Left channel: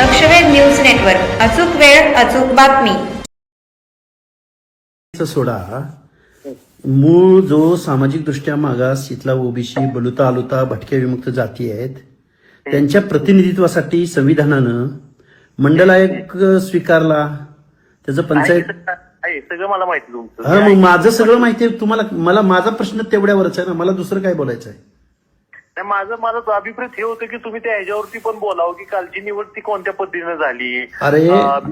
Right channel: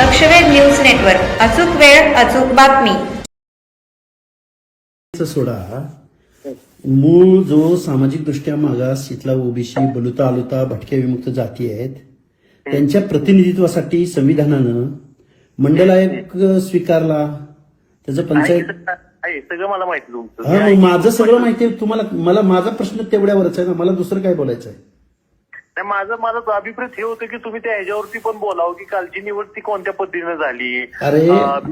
लक्षवेध news network. अचूक वेळ अचूक बातमी. सोडा मूळ जो सामाजिक दृष्ट्या मागास इथला ओबीसी बलुता आलुता भटक्या विमुक्त जाती आहेत त्यांच्या प्रतिनिधित्वासाठी संविधानानं मंडल आयोग स्वीकारला. त्याचं पंचायत सगळं मला माहिती तुमचं. हा, मग माझं सगळं माहिती आहे तुम्हाला. मला माझा प्रश्न तेवढ्यावरच आहे ना, मला दुसरं काय बोलायचं आहे. माझं अभिप्राय हे होतं की तुम्ही त्या ह्याच्यावरती पण बोलावं की कालची निवड ती कोणत्या पद्धतीने झाली. अरे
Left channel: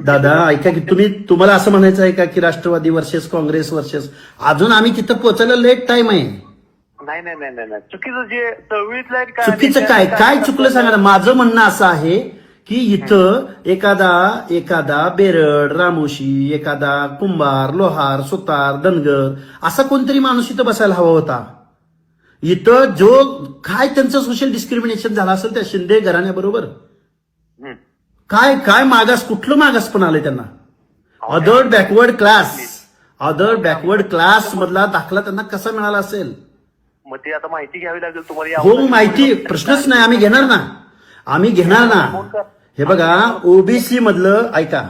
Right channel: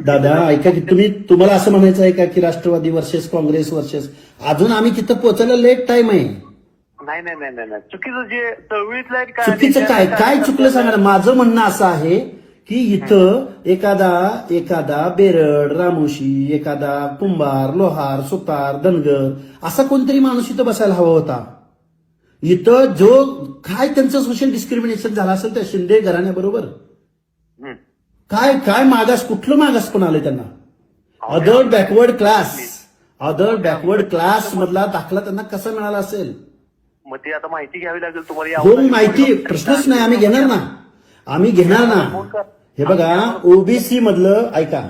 दादा ऐका की तुम्हाला असं म्हणायचं आहे का की राष्ट्रवादी वर्सेस काँग्रेस वर्सेस अजून आम्ही तिथं पोहोचायला लेट टाइम आहे. नाही नाही नाही नाही चुकीचं जे चळवळीतलं चुकीचं काय चुकलं सांगा ना. माझं म्हणणं असं आहे की इथं एखादा बेरड रामोशी एखादा कुंभार लोहार सुतार धनगर असा कोणतरी माणूस इथं बसायला हवा होता. इथं जो काय त्यांचं सोशल डिस्क्रिमिनेशन झालं असेल त्या शिंदे घराण्याबरोबर काय मागास कुठलं मागास पण आलंय त्यांना. अदर बॅकवर्ड क्लास मधला दाखला त्यांना कसा मिळाला असेल. मग ते आता माहिती घ्यावी लागेल तुम्हाला. हो माहिती प्रश्नच नाही. आम्ही घेणार ना. हे बघा ओबीसी मधलं ऐका.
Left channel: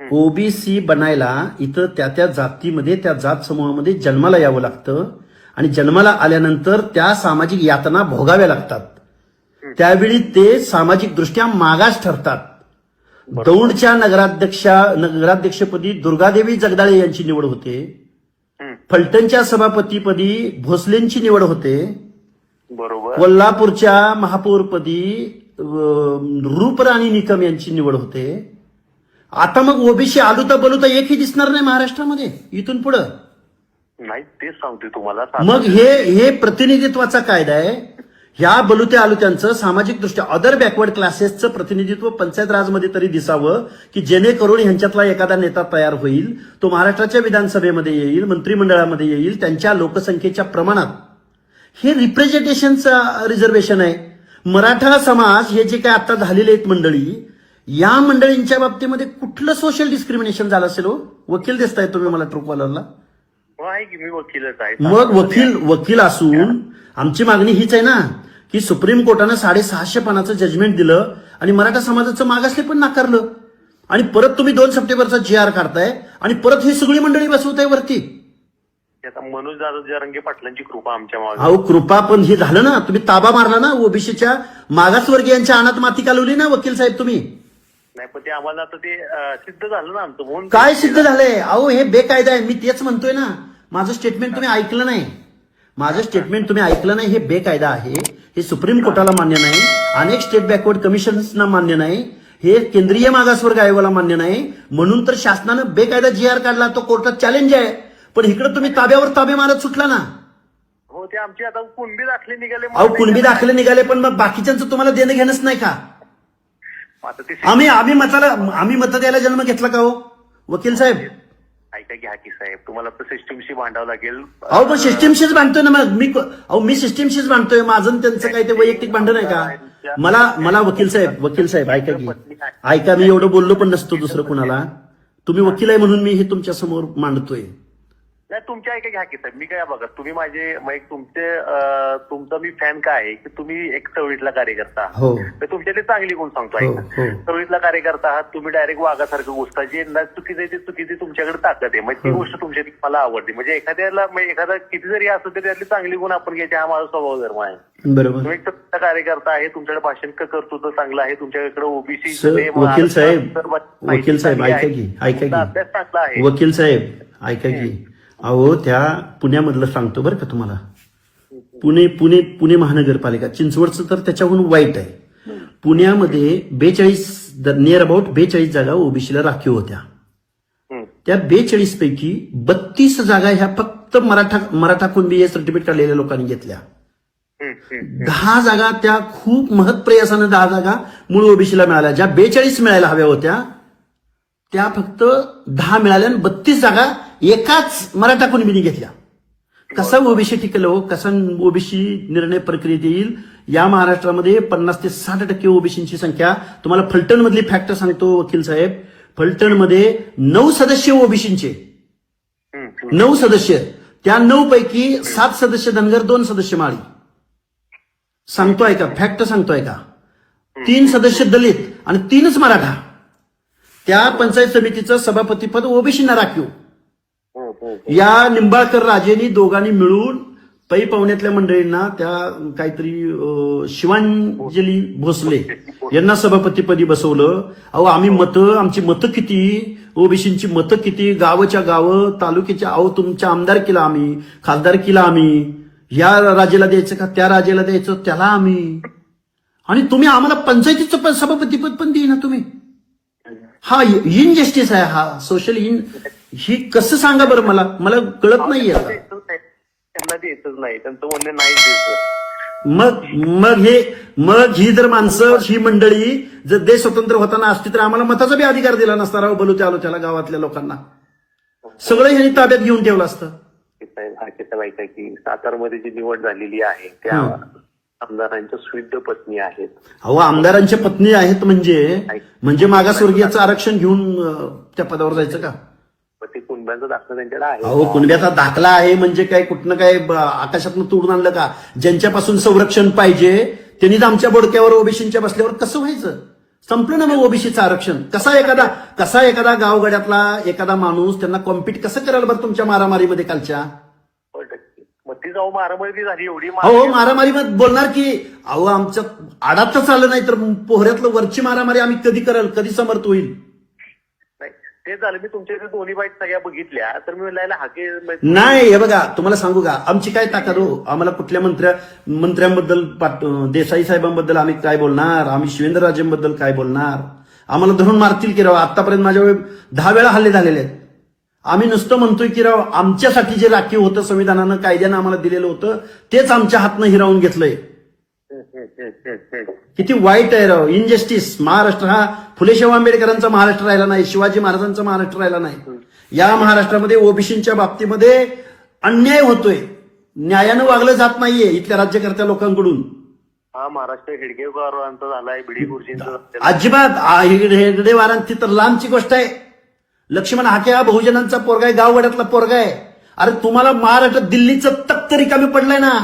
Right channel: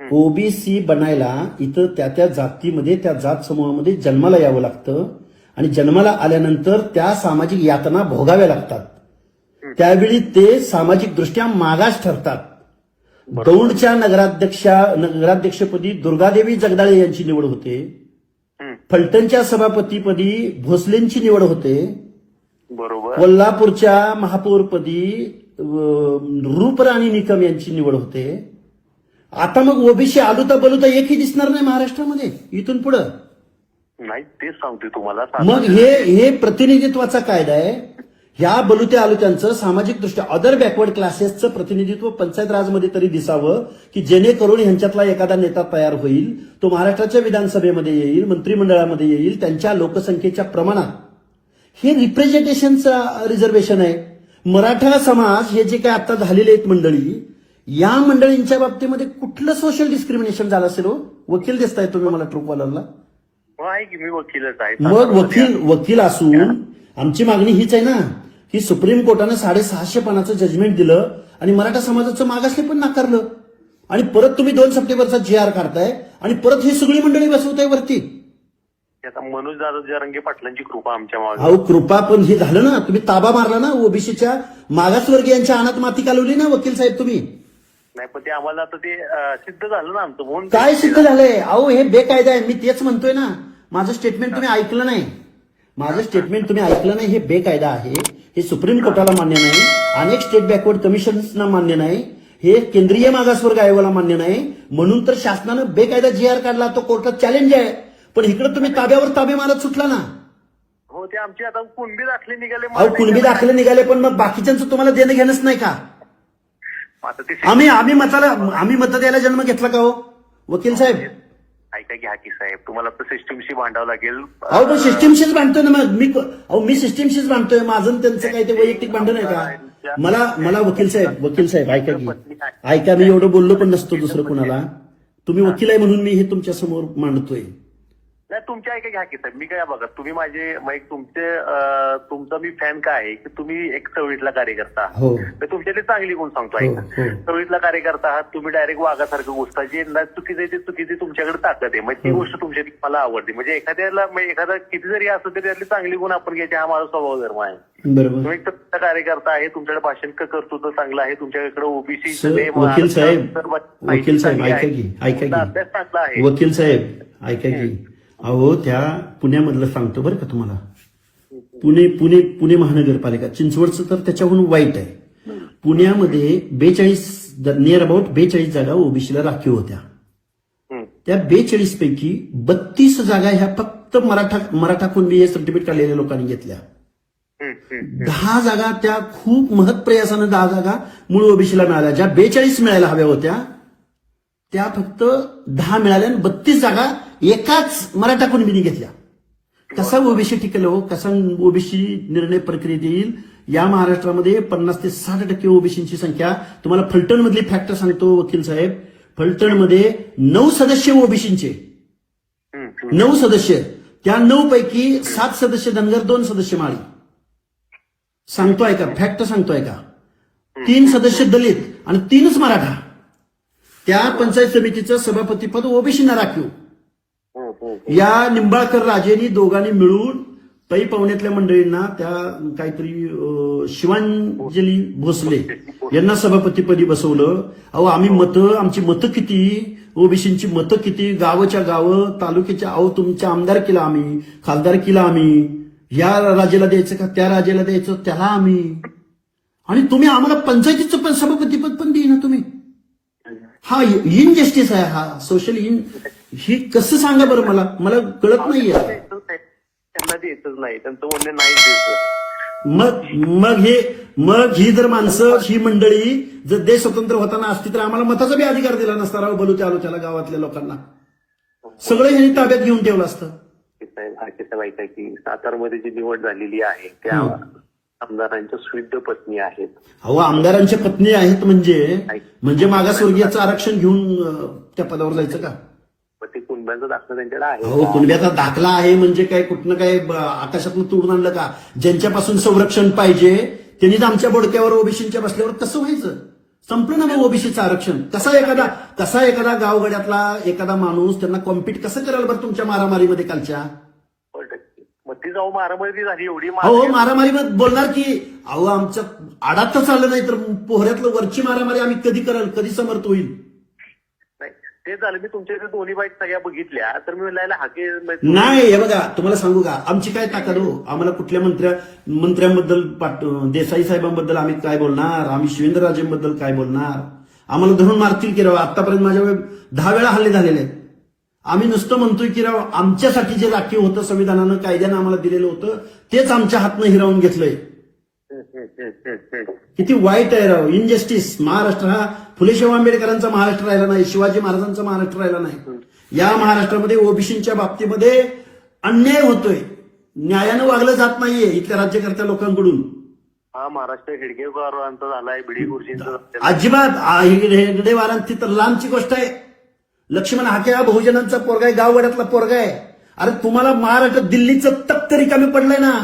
ओबीसी बनायला इथं त्या जातीमध्ये त्या जात समूहामध्ये जन्माला यावं लागतं आणि जन्माला आल्यानंतर त्या सामाजिक यातना भोगाव्या लागतात. त्यावेळी ते सामाजिक दृष्ट्या मागास ठरतात. दौंडच्या नगराध्यक्षपदी दुर्गादेवी जगदाळे यांची निवड होते. फलटणच्या सभापतीपदी भोसलेंची निवड होते. बरोबर. कोल्हापूरच्या महापौरपदी रूपराणी निकम यांची निवड होते. आता मग ओबीसी आलुता बलुता एकही दिसणार नाही महाराष्ट्रामध्ये इथून पुढं. नाही तेच सांगतोय तुम्हाला. मग हे प्रतिनिधित्वाचा कायदा आहे. ह्या बलुत्या आलुत्यांचं सामाजिक दृष्ट्या अदर बॅकवर्ड क्लासेसचं प्रतिनिधित्व पंचायत राजमध्ये तरी दिसावं की जेणेकरून ह्यांच्यातला एखादा नेता तयार होईल. तो महाराष्ट्राच्या विधानसभेमध्ये येईल मंत्रिमंडळामध्ये येईल त्यांच्या लोकसंख्येच्या प्रमाणात. हे रिप्रेझेंटेशनचं रिझर्वेशन आहे. मराठा समाज हे जे काय आता झालेले आहेत मंडळी या मंडळींच्या बाबतीमध्ये कुठलं सोशल डिस्क्रिमिनेशन झालं असेल. वकील दिसताय तुम्ही मला ट्रूकवालरला. आहे की मी वकीलच आहे. मग वकील असून आमची मागणी हीच आहे ना की सुप्रीम कोर्टानं 650 पानाचं जजमेंट दिलं आणि मराठा समाजाचं मागासले पण नाकारलं आणि परत तुम्ही 2 सप्टेंबरचा GR काढताय आणि परत ही सगळी मंडळी बसवताय वरती. आता मनोज दादा जरांगे पाटलांची कृपा आमच्या मागे. अहो कृपा पण ही झालं ना. तुम्ही ताबा मारला ना ओबीसीच्या मागासवर्गीयांच्या अनाथ माती कालवली ना वकील साहेब तुम्ही. नाही पण ते आम्हाला आता ते सिद्ध झालं ना आमचं म्हणून. काय सिद्ध झालंय. अहो हे बेकायदा आहे. मी तेच म्हणतोय ना. माझं स्टेटमेंट तुम्ही ऐकलं नाही. हे बेकायदा आहे. हे सुप्रीम कोर्टाला मान्य नाही. अनेक स्टेट बॅकवर्ड कमिशन्सना मान्य नाही. हे केंद्रीय मागासवर्ग आयोगाला मान्य नाही. म्हणून तर शासनानं बेकायदा GR काढला. तो कोर्टात चॅलेंज आहे. पण इकडे तुम्ही ताब्यावर ताबे मारत सुटला ना. हो ते आमचे आता कुणबी दाखले निघाले. कुणबी दाखले निघाले पण मग बाकीच्यांचं तुम्हाला देणं घेणंच नाही का. आता ते आम्ही मत द्यायला जन्म घेतला का हो वकील साहेब. ऐका घ्या की साहेब तुम्हाला तर सिस्टीमशी भांडावं लागेल. अहो सिस्टीमशीच भांडतोय ना. मी सिस्टीमशीच भांडतोय. माझं त्यांचं काही ते वैयक्तिक भांडण आहे का. मला वकील साहेब ऐका मी एवढं बोललो पण नसतो दुसरं कुणाला. तुम्ही वकील आहे म्हणून मी हे तुमच्या समोर मांडतोय. नाही तुमच्या ऐका घ्या की साहेब. मी काय बघा तुम्ही माझे तुमचा मी फॅन काय आहे की तुम्ही एक चळवळीतला कार्यकर्ता हो. तुमच्याकडे चांगली गुण सांगतो. ऐका चळवळीतला कार्यकर्ता आहात तुम्ही. डायरेक्ट वाघासारखं गोष्ट जे चुकीचं आहे ते चुकीची तुमच्याकडे ताकद आहे. म्हणजे ती गोष्ट तुमच्याकडे मला आवडते. म्हणजे एखादा किती जरी असलं तरी त्यातली चांगली गुण आपण घ्यायचे हा माझा स्वभाव धर्म आहे. बरोबर. तुम्ही एक कार्यकर्ता आहे. तुमच्याकडे भाषण कर्तृत्व चांगलं आहे. तुमच्याकडे ओबीसी वकील साहेब अभ्यास चांगला आहे. वकील साहेब ऐका की अहो त्या पुण्यामधलं सांगतो बरं का तुम्हाला. पुणे महानगरपालिका चिंचवडचं तर त्याच्याहून वाईट आहे. पुण्यामध्ये 42 जागा ओबीसीला राखीव होत्या. त्या 42 पैकी 32 जागा ह्या फक्त मराठा कुणबी सर्टिफिकेट काढलेल्या लोकांनी घेतल्या. 10 जागा त्या खूप महत् प्रयासानं 10 जागा मूळ ओबीसीला मिळाल्या. ज्या 42 मिळायला हव्या होत्या त्या फक्त 10 मिळाल्या. 32 जागा एकाच मराठा कुणबीने घेतल्या. कसा ओबीसी टिकेल हो. कसा ओबीसी निर्णय प्रक्रियेत येईल. या महाराष्ट्रामध्ये 50 ते 60% ओबीसीची संख्या. तुम्हाला फलटण मधली फॅक्ट सांगतो वकील साहेब. फलटणमध्ये 9 सदस्य ओबीसीचे 9 सदस्य. त्या 9 पैकी 7 सदस्य धनगर 2 सदस्य माळी. सांगतोय का फॅक्ट सांगतोय का. 3 सदस्य दलित आणि 3च मराठा. त्या पंचायत समितीचं सभापतीपद ओबीसीना राखीव. या निंबाळकर राजेंनी दोघांनी मिळून पै पाहुण्यातल्या मंडळींना त्या काहीतरी शिवांजली भोसले यांना सभापतीपदी बसवलं. अहो आमची मतं किती, ओबीसींची मतं किती, गावच्या गावं, तालुक्याच्या, अहो तुमच्या आमदारकीला आम्ही, खासदारकीला आम्ही, या राजेला द्यायचं का त्या राजेला द्यायचं त्याला आम्ही, आणि तुम्ही आम्हाला पंचायतीचं सभापतीपद पण देईना तुम्ही. हा इनजस्टिस आहे, हा सोशल ही कसं सांगा बरं मला कळत नाहीये. त्यांना द्यायचंच नाही, त्यांचं म्हणणं नाही द्यायचं. मग ही जर माणसं, ही मंडळी जर देश स्वतंत्र होताना असती तर आम्हाला मताचा बी अधिकार दिला नसता. राव बलू त्याला गावातल्या लोकांना सगळं हे ताब्यात घेऊन ठेवलं असतं. साहेब ऐका की सातारमध्ये जी निवड झालेली आहे त्या आमदारांच्या स्विद्ध पत्नी आहेत. अहो आमदारांच्या पत्नी आहेत म्हणजे मागासवर्गीयाचं आरक्षण घेऊन त्या पदावर जायचं का? ते कुणब्यांचा दाखला त्यांच्याकडे आहे. अहो कुणब्याचा दाखला आहे म्हणजे काय कुठनं काय आकाशातनं तोडून आणलं का? ज्यांच्यापासून संरक्षण पाहिजे त्यांनीच आमच्या बोडक्यावर ओबीसीच्या बसल्यावर कसं व्हायचं? संपलं ना मग ओबीसीचं आरक्षण. कसा एखादा गावगड्यातला एखादा माणूस त्यांना कॉम्पिट कसं करायला बरं तुमच्या मारामारीमध्ये कालच्या? मग ती जाऊ मारामारी झाली एवढी. हो मारामारीमध्ये बोलणार की अहो आमचं आडात चाललं नाही तर पोहऱ्यातलं वरची मारामारी आम्ही कधी कराल, कधी समर्थ होईल? ते झालं. मी तुमच्या दोन्ही बाईट सगळ्या बघितल्या तर मी म्हणलं हाके नाही. हे बघा तुम्हाला सांगू का आमची काय ताकद हो. आम्हाला कुठल्या मंत्र्यांबद्दल, देसाई साहेबांबद्दल आम्ही काय बोलणार, आम्ही शिवेंद्रराजेंबद्दल काय बोलणार? आम्हाला धरून मारतील की राव. आतापर्यंत माझ्यावर 10 वेळा हल्ले झालेले आहेत. आम्ही नुसतं म्हणतोय की राव आमच्यासाठी जे राखीव होतं संविधानानं, कायद्यानं आम्हाला दिलेलं होतं तेच आमच्या हातनं हिरावून घेतलंय. किती वाईट आहे राव. इनजस्टिस. महाराष्ट्र हा फुले शाहू आंबेडकरांचा महाराष्ट्र राहिला नाही, शिवाजी महाराजांचा महाराष्ट्र राहिला नाही. या महाराष्ट्रामध्ये ओबीसीच्या बाबतीमध्ये अन्याय होतोय, न्यायानं वागलं जात नाहीये इथल्या राज्यकर्त्या लोकांकडून. हा महाराष्ट्र हेडगेवारांचा झालाय, बिडी गुरुजींचा अजिबात हेगडेवारांची तर लांबची गोष्ट आहे. लक्ष्मण हाके हा बहुजनांचा पोरगा आहे, गाववाड्यातला पोरगा आहे. अरे तुम्हाला महाराष्ट्र दिल्लीचं तख्त रिकामी पडलंय ना.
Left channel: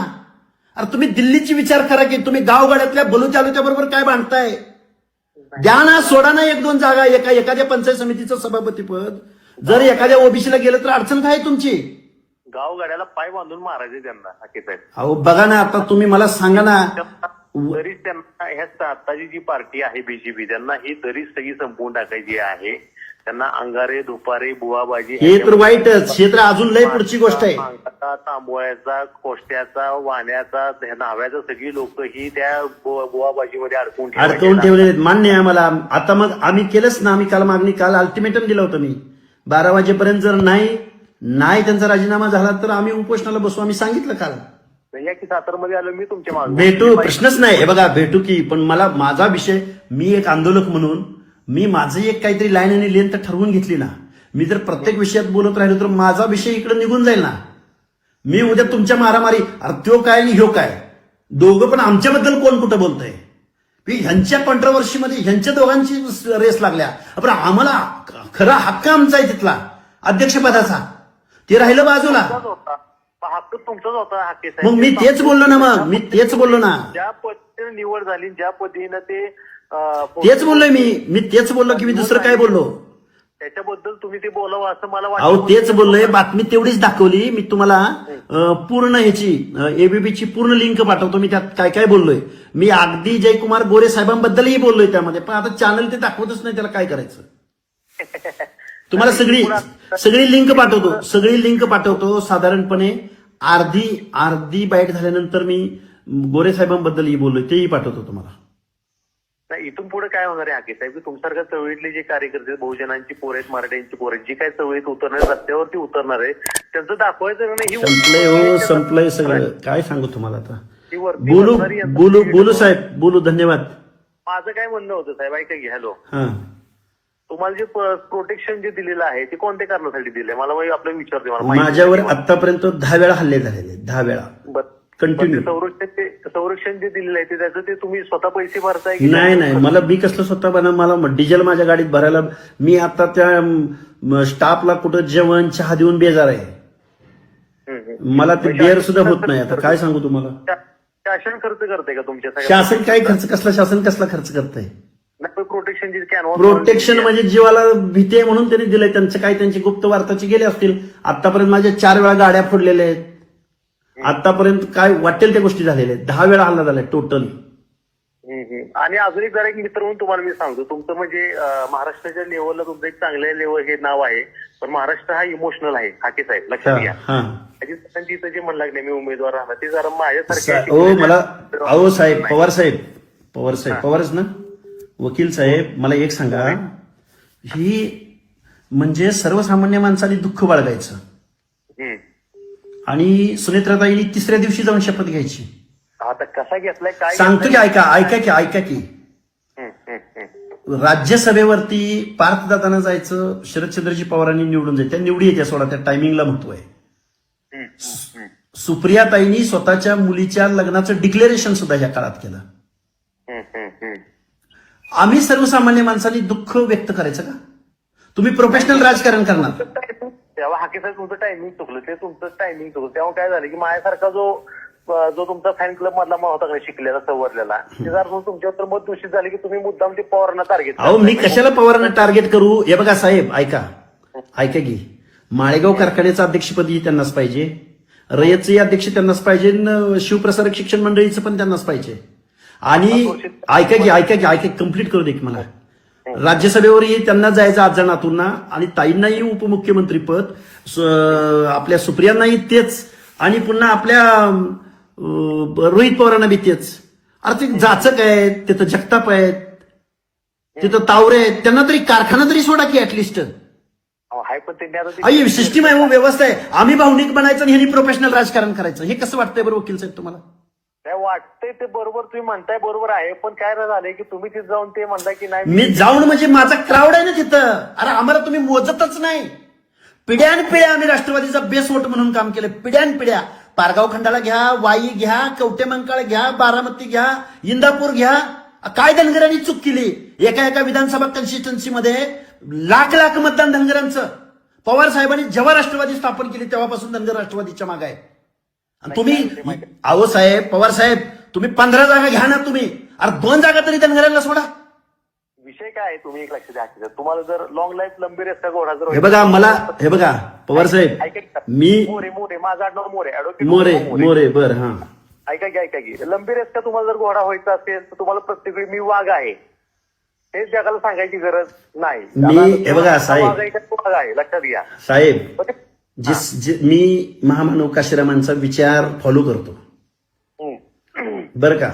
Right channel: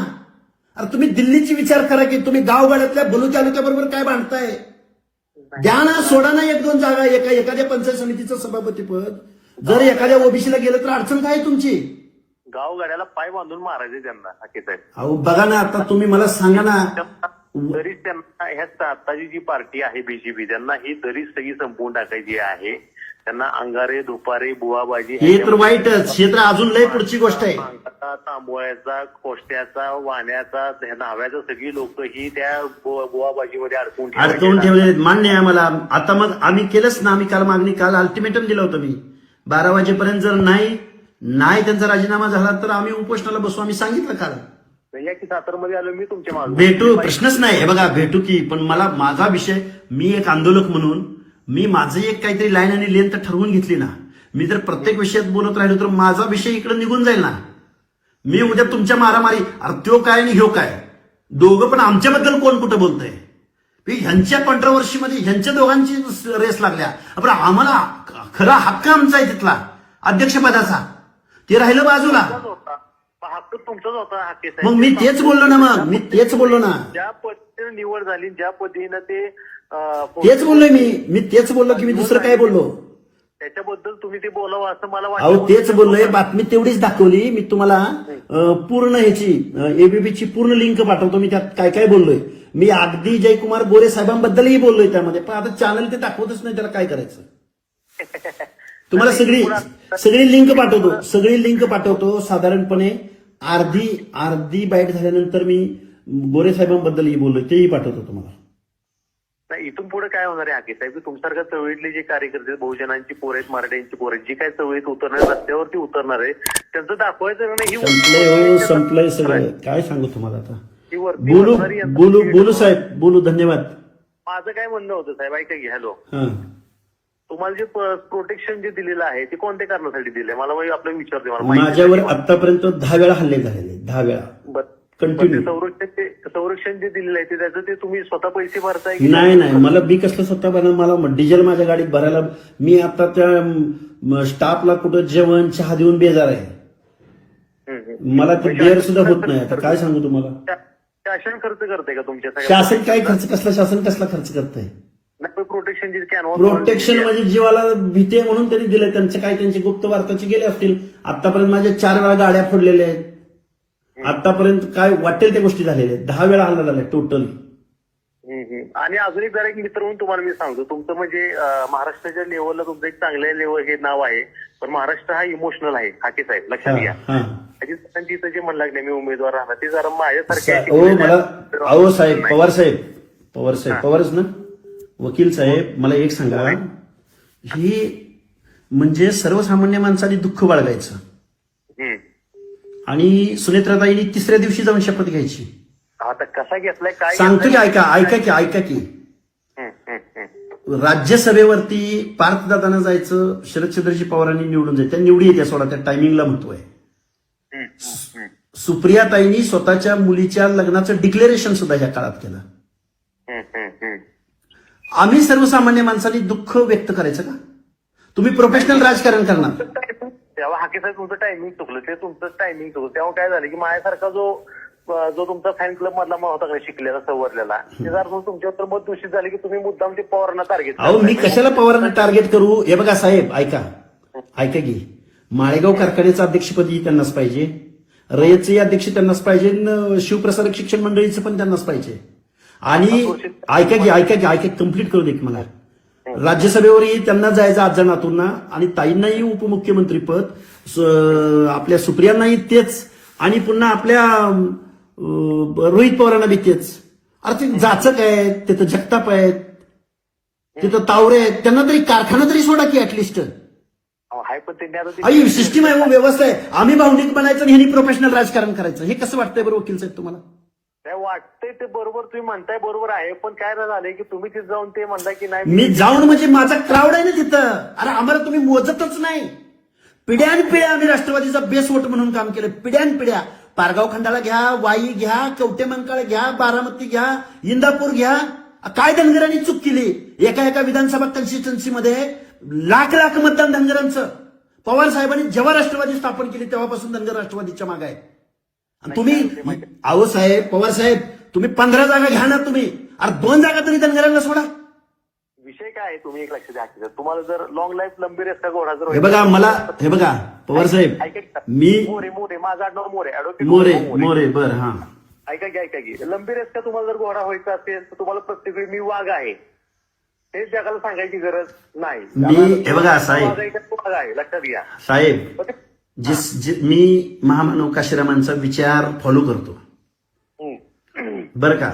अरे तुम्ही दिल्लीची विचार करा की तुम्ही गावगाड्यातल्या बलूच्या बरोबर काय बांधताय? द्या ना, सोडा ना 1-2 जागा. एखाद्या पंचायत समितीचं सभापतीपद जर एखाद्या ओबीसीला गेलं तर अडचण काय तुमची? गावगाड्याला पाय बांधून मारायचे त्यांना हाके साहेब. अहो बघा ना, आता तुम्ही मला सांगा ना. तरीच त्यांना ह्या आताची जी पार्टी आहे बीजेपी त्यांना ही तरीच सगळी संपवून टाकायची आहे. त्यांना अंगारे, दुपारे, बुवाबाजी हे तर वाईटच. हे तर अजून लय पुढची गोष्ट आहे. तांबोळ्याचा, कोष्ट्याचा, वाण्याचा, न्हाव्याचा सगळी लोक ही त्या बुवाबाजीमध्ये अडकवून ठेवले. मान्य आहे मला. आता मग आम्ही केलंच ना. आम्ही काल अल्टिमेटम दिलं होतं मी 12 वाजेपर्यंत जर नाही त्यांचा राजीनामा झाला तर आम्ही उपोषणाला बसू. आम्ही सांगितलं काल. या की सातारमध्ये आलो मी तुमच्या मागे भेटू, प्रश्नच नाही. हे बघा भेटू की, पण माझा विषय, मी एक आंदोलक म्हणून मी माझं एक काहीतरी लाईन आणि लेंथ ठरवून घेतली ना. मी जर प्रत्येक विषयात बोलत राहिलो तर माझा विषय इकडे निघून जाईल ना. मी उद्या तुमच्या मारामारी, अरे त्यो काय आणि ह्यो काय, दोघं पण आमच्याबद्दल कोण कुठं बोलतंय? ह्यांच्या कॉन्ट्रोवर्सीमध्ये ह्यांच्या दोघांची रेस लागल्या. पण आम्हाला खरा हक्क आमचा आहे तिथला अध्यक्षपदाचा, ते राहिलं बाजूला. हक्क तुमचाच होता हाके साहेब. मग मी तेच बोललो ना. ज्या पद्धतीने निवड झाली, ज्या पद्धतीनं तेच बोललोय मी तेच बोललो की मी दुसरं काय बोललो त्याच्याबद्दल तुम्ही ते बोलावं असं मला वाटतं. अहो तेच बोललोय. बातमी तेवढीच दाखवली. मी तुम्हाला पूर्ण ह्याची एबीपीची पूर्ण लिंक पाठवतो. मी त्यात काय काय बोललोय. मी अगदी जयकुमार गोरे साहेबांबद्दलही बोललोय त्यामध्ये. पण आता चॅनल ते दाखवतच नाही, त्याला काय करायचं? तुम्हाला सगळी लिंक पाठवतो. साधारणपणे अर्धी बाईट झाल्यानंतर मी गोरे साहेबांबद्दलही बोललोय, तेही पाठवतो तुम्हाला. इथून पुढे काय होणार आहे हाके साहेब? तुमच्यासारख्या चळवळीतले जे कार्यकर्ते, बहुजनांची पोर आहेत, मराठ्यांची पोर आहेत, जी काय चळवळीत उतरणार, रस्त्यावरती उतरणार आहे, त्यांचं दाखवायचं नाही. संपलंय सगळं. काय सांगू तुम्हाला आता? बोलू साहेब, बोलू. धन्यवाद. माझं काय म्हणणं होतं साहेब, ऐका की. हॅलो, तुम्हाला जे प्रोटेक्शन जे दिलेलं आहे ते कोणत्या कारणासाठी दिले मला आपल्याला विचारते. मला माझ्यावर आतापर्यंत 10 वेळा हल्ले झाले. 10 वेळा कंटिन्यू. संरक्षण जे दिलेलं आहे त्याचं ते तुम्ही स्वतः पैसे भरताय? नाही, मला मी कसलं स्वतः मला डिझेल माझ्या गाडीत भरायला मी आता त्या स्टाफला कुठं जेवण चहा देऊन बेजार आहे. मला ते बेर सुद्धा होत नाही. आता काय सांगू तुम्हाला. शासन खर्च करते का तुमच्या शासन काय खर्च कसला शासन कसला खर्च करतंय? प्रोटेक्शनची कॅनव्हास प्रोटेक्शन म्हणजे जीवाला भीती आहे म्हणून त्यांनी दिलंय. त्यांचं काय त्यांची गुप्त वार्ताची गेली असतील. आतापर्यंत माझ्या 4 वेळा गाड्या फोडलेल्या आहेत. आतापर्यंत काय वाटेल त्या गोष्टी झालेल्या आहेत. 10 वेळा हल्ला झालाय टोटल. आणि अजून एक जरा एक मित्र म्हणून तुम्हाला मी सांगतो, तुमचं म्हणजे महाराष्ट्राच्या लेवलला तुमचं एक चांगल्या लेवल हे नाव आहे, पण महाराष्ट्र हा इमोशनल आहे. हाके साहेब लक्षात घ्या. तिथं जे म्हणलं नाही मी उमेदवार राहणार ते जरा माझ्यासारखे अहो साहेब पवारच ना वकील साहेब, मला एक सांगा, ही म्हणजे सर्वसामान्य माणसाने दुःख बाळगायचं आणि सुनेत्राताईंनी 3ऱ्या दिवशी जाऊन शपथ घ्यायची. आता कसा घेतलाय काय सांगतो की ऐका की राज्यसभेवरती पार्थदादांना जायचं, शरदचंद्रजी पवारांनी निवडून जायचं. त्या निवडी येत्या सोडा, त्या टायमिंगला महत्व आहे. सुप्रियाताईंनी स्वतःच्या मुलीच्या लग्नाचं डिक्लेरेशन सुद्धा ह्या काळात केलं. आम्ही सर्वसामान्य माणसांनी दुःख व्यक्त करायचं का? तुम्ही प्रोफेशनल राजकारण करणार. तेव्हा हाके साहेब तुमचं टायमिंग चुकलं, ते तुमचं टायमिंग चुकलं. तेव्हा काय झालं की माझ्यासारखा जो तुमचा फॅन क्लब मधला होता का शिकलेला सवरलेला, ते जर तुमच्यावर मत दूषित झाले की तुम्ही मुद्दाम ते पवारांना टार्गेट अहो मी कशाला पवारांना टार्गेट करू? हे बघा साहेब ऐका की माळेगाव कारखान्याचं अध्यक्षपदी त्यांनाच पाहिजे, रयतचे अध्यक्ष त्यांनाच पाहिजे, शिवप्रसारक शिक्षण मंडळीचं पण त्यांनाच पाहिजे. आणि ऐका की कम्प्लीट करू दे की मला. राज्यसभेवरही त्यांना जायचं आजा नातूंना, आणि ताईंनाही उपमुख्यमंत्रीपद, आपल्या सुप्रियांनाही तेच, आणि पुन्हा आपल्या रोहित पवारांना बी तेच. अरे ते जाचक आहेत, तिथं जगताप आहेत, तिथं तावरे आहेत, त्यांना तरी कारखाना तरी सोडा की ऍटलिस्ट. सिस्टीम आहे, व्यवस्था आहे. आम्ही भावनिक बनायचं आणि ह्यांनी प्रोफेशनल राजकारण करायचं. हे कसं वाटतंय बरं वकील साहेब तुम्हाला? काय वाटतंय ते बरोबर तुम्ही म्हणताय, बरोबर आहे. पण काय झालंय की तुम्ही तिथे जाऊन ते म्हणताय की नाही मी जाऊन म्हणजे माझा क्राऊड आहे ना तिथं. अरे आम्हाला तुम्ही मोजतच नाही. पिढ्यानपिढ्या आम्ही राष्ट्रवादीचा बेस वोट म्हणून काम केलं. पिढ्यानपिढ्या पारगाव खंडाळा घ्या, वाई घ्या, कवटेमंकाळ घ्या, बारामती घ्या, इंदापूर घ्या. काय धनगरांनी चूक केली? एका विधानसभा कन्स्टिट्युन्सीमध्ये लाख मतदान धनगरांचं. पवार साहेबांनी जेव्हा राष्ट्रवादी स्थापन केली तेव्हापासून धनगर राष्ट्रवादीच्या मागे आहे. तुम्ही अहो साहेब, पवार साहेब, तुम्ही 15 जागा घ्या ना तुम्ही. अरे 2 जागा तरी धनगरांना सोडा. विषय काय आहे तुम्ही एक लक्ष द्या. तुम्हाला जर लॉंग लाईफ लंबी रेस का घोडा जर हे बघा पवार साहेब, मी मोरे माझं आडनाव मोरे बर हा ऐका की लंबी रेस का तुम्हाला जर घोडा व्हायचा असेल तर तुम्हाला प्रत्येक वेळी मी वाघ आहे हे जगाला सांगायची गरज नाही. हे बघा साहेब, वाघ आहे लक्षात घ्या साहेब. मी महामानव काशीरामांचा विचार फॉलो करतो बरं का.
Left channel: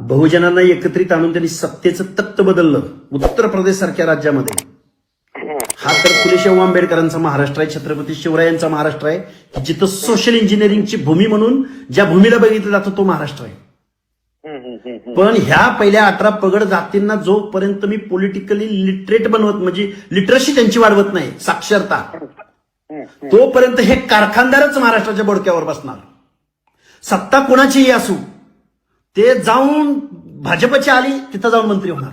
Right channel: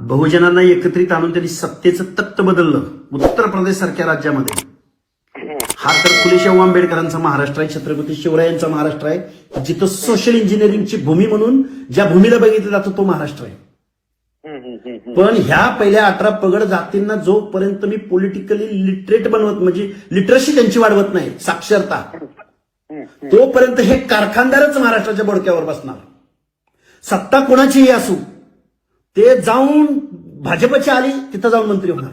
बहुजनांना एकत्रित आणून त्यांनी सत्तेचं तत्व बदललं उत्तर प्रदेश सारख्या राज्यामध्ये. हा तर फुलेशाहू आंबेडकरांचा महाराष्ट्र आहे, छत्रपती शिवरायांचा महाराष्ट्र आहे, जिथं सोशल इंजिनिअरिंगची भूमी म्हणून ज्या भूमीला बघितलं जातं तो महाराष्ट्र आहे. पण ह्या पहिल्या 18 पगड जातींना जोपर्यंत मी पॉलिटिकली लिटरेट बनवत, म्हणजे लिटरसी त्यांची वाढवत नाही, साक्षरता, तोपर्यंत हे कारखानदारच महाराष्ट्राच्या बोडक्यावर बसणार. सत्ता कोणाचीही असू, ते जाऊन भाजपची आली तिथं जाऊन मंत्री होणार,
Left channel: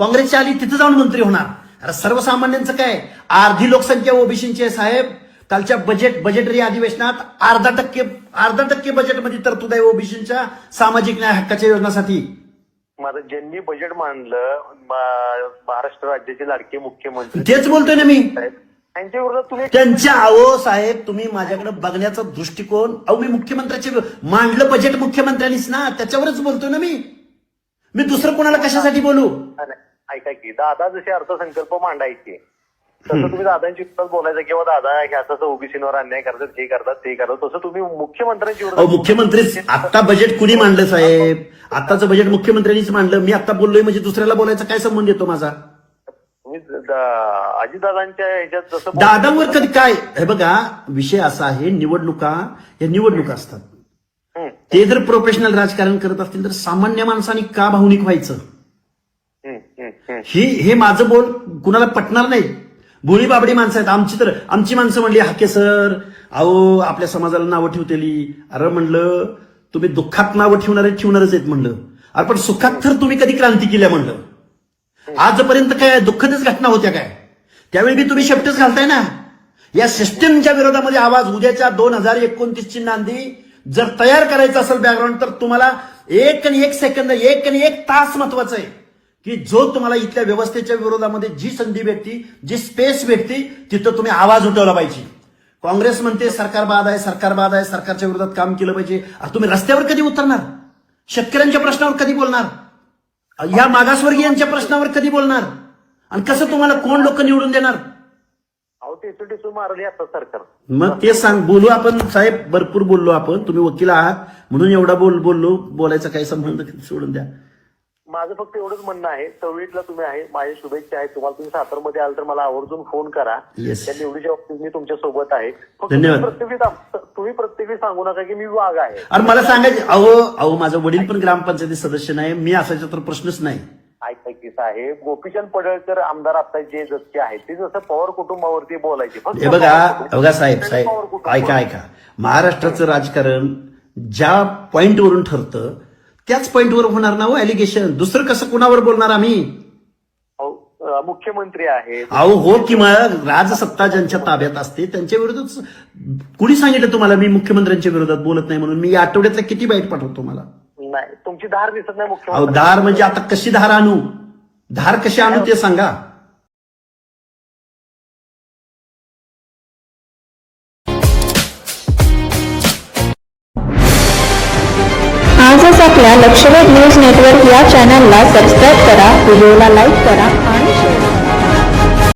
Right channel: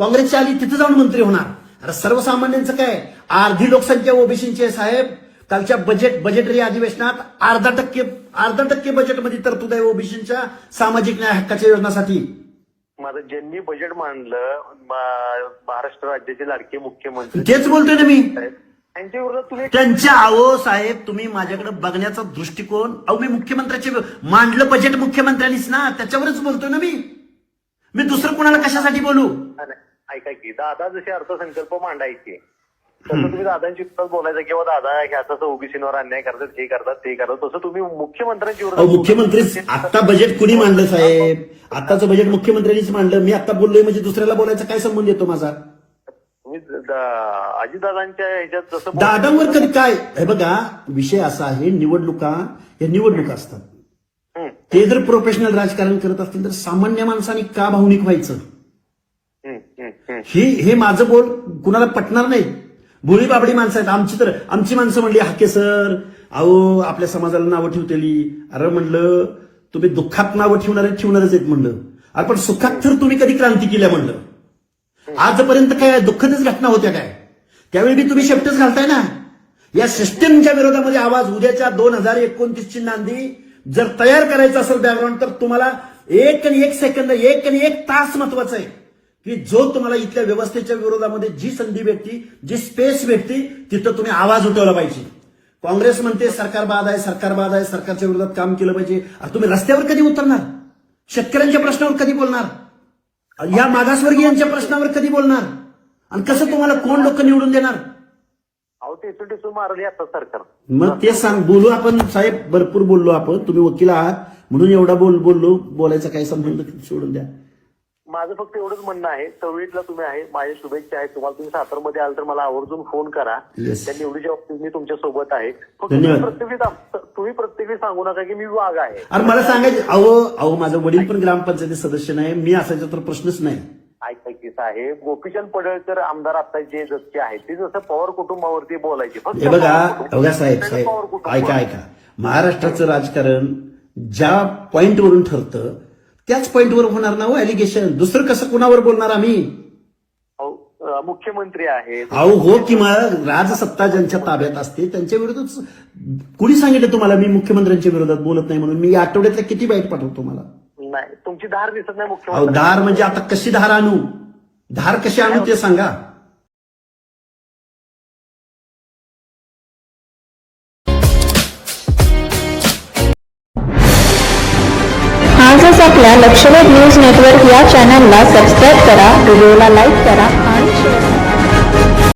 काँग्रेसची आली तिथं जाऊन मंत्री होणार. अरे सर्वसामान्यांचं काय? अर्धी लोकसंख्या ओबीसीची आहे साहेब. कालच्या बजेटरी अधिवेशनात 1% बजेटमध्ये तरतूद आहे ओबीसीच्या सामाजिक न्याय हक्काच्या योजनासाठी. माझं ज्यांनी बजेट मांडलं महाराष्ट्र राज्याचे लाडके मुख्यमंत्री, तेच बोलतोय ना मी. त्यांच्या विरोधात तुम्ही त्यांच्या अहो साहेब, तुम्ही माझ्याकडे बघण्याचा दृष्टिकोन, अहो मी मुख्यमंत्र्याचे मांडलं बजेट मुख्यमंत्र्यांनीच ना, त्याच्यावरच बोलतोय ना मी दुसरं कोणाला कशासाठी बोलू? ऐका की दादा जसे अर्थसंकल्प मांडायचे तसं तुम्ही दादांची विरोधात बोलायचं किंवा दादा ह्याचा ओबीसीवर अन्याय करतात, हे करतात, ते करतात, तसं तुम्ही मुख्यमंत्र्यांची विरोधात. मुख्यमंत्री आता बजेट कुणी मांडलं साहेब? आताचं बजेट मुख्यमंत्र्यांनीच मांडलं. मी आता बोललोय म्हणजे दुसऱ्याला बोलायचा काय संबंध येतो माझा? अजितदादांच्या ह्याच्यात जसं दादांवर कधी काय? हे बघा विषय असा आहे, निवडणुका असतात. ते जर प्रोफेशनल राजकारण करत असतील तर सामान्य माणसांनी का भावनिक व्हायचं? हे माझं बोल कुणाला पटणार नाही. भोळी बाबडी माणसं आहेत आमची माणसं म्हणली हाके सर, अहो आपल्या समाजाला नावं ठेवतेली. अरे म्हणलं तुम्ही दुःखात नावं ठेवणारच आहेत म्हणलं. अरे पण सुखात तर तुम्ही कधी क्रांती केल्या म्हणलं. आजपर्यंत काय दुःखदच घटना होत्या काय? त्यावेळी बी तुम्ही शेपटच घालताय ना. या सिस्टीमच्या विरोधामध्ये आवाज. उद्याच्या 2029ची नांदी जर तयार करायचं असेल बॅकग्राऊंड तर तुम्हाला 1 सेकंद 1 तास महत्वाचं आहे की जो तुम्हाला इथल्या व्यवस्थेच्या विरोधामध्ये जी संधी भेटती, जी स्पेस भेटती, तिथं तुम्ही आवाज उठवला पाहिजे. काँग्रेस म्हणते सरकार बाद आहे, सरकार बाद आहे, सरकारच्या विरोधात काम केलं पाहिजे. तुम्ही रस्त्यावर कधी उतरणार? शेतकऱ्यांच्या प्रश्नावर कधी बोलणार? या मागासवर्गीयांच्या प्रश्नावर कधी बोलणार? आणि कसं तुम्हाला कोण लोक निवडून देणार? अहो टेसू मारली आता सरकार. मग ते सांग, बोलू आपण साहेब, भरपूर बोललो आपण. तुम्ही वकील आहात म्हणून एवढा बोललो, बोलायचा काही संबंध सोडून द्या. माझं फक्त एवढंच म्हणणं आहे, चवळीतला तुम्ही आहे, माझ्या शुभेच्छा आहेत तुम्हाला. तुम्ही सातारमध्ये आल तर मला आवर्जून फोन करा. Yes. त्या निवडीच्या बाबतीत मी तुमच्या सोबत आहे. फक्त धन्यवाद. तुम्ही प्रत्येक वेळी सांगू नका की मी वाघ आहे. आणि मला सांगायचं, अहो माझं वडील पण ग्रामपंचायती सदस्य नाही, मी असायचा तर प्रश्नच नाही. ऐका की साहेब, गोपीचंद पडळकर आमदार आता जे जसचे आहेत ते जसं पवार कुटुंबावरती बोलायचे. फक्त हे बघा साहेब पवार कुटुंब. ऐका, महाराष्ट्राचं राजकारण ज्या पॉइंटवरून ठरतं त्याच पॉइंटवर होणार ना हो एलिगेशन. दुसरं कसं कुणावर बोलणार आम्ही? मुख्यमंत्री आहेत. अहो हो, किंवा राजसत्ता ज्यांच्या ताब्यात असते त्यांच्या विरोधात. कुणी सांगितलं तुम्हाला मी मुख्यमंत्र्यांच्या विरोधात बोलत नाही म्हणून? मी आठवड्यातल्या किती बाईट पाठवतो तुम्हाला? नाही, तुमची धार दिसत नाही अहो मुख्यमंत्री. धार म्हणजे आता कशी धार आणू? धार कशी आणू ते सांगा. आजच आपल्या लक्षवेध न्यूज नेटवर्क या चॅनलला सबस्क्राईब करा, व्हिडिओला लाईक करा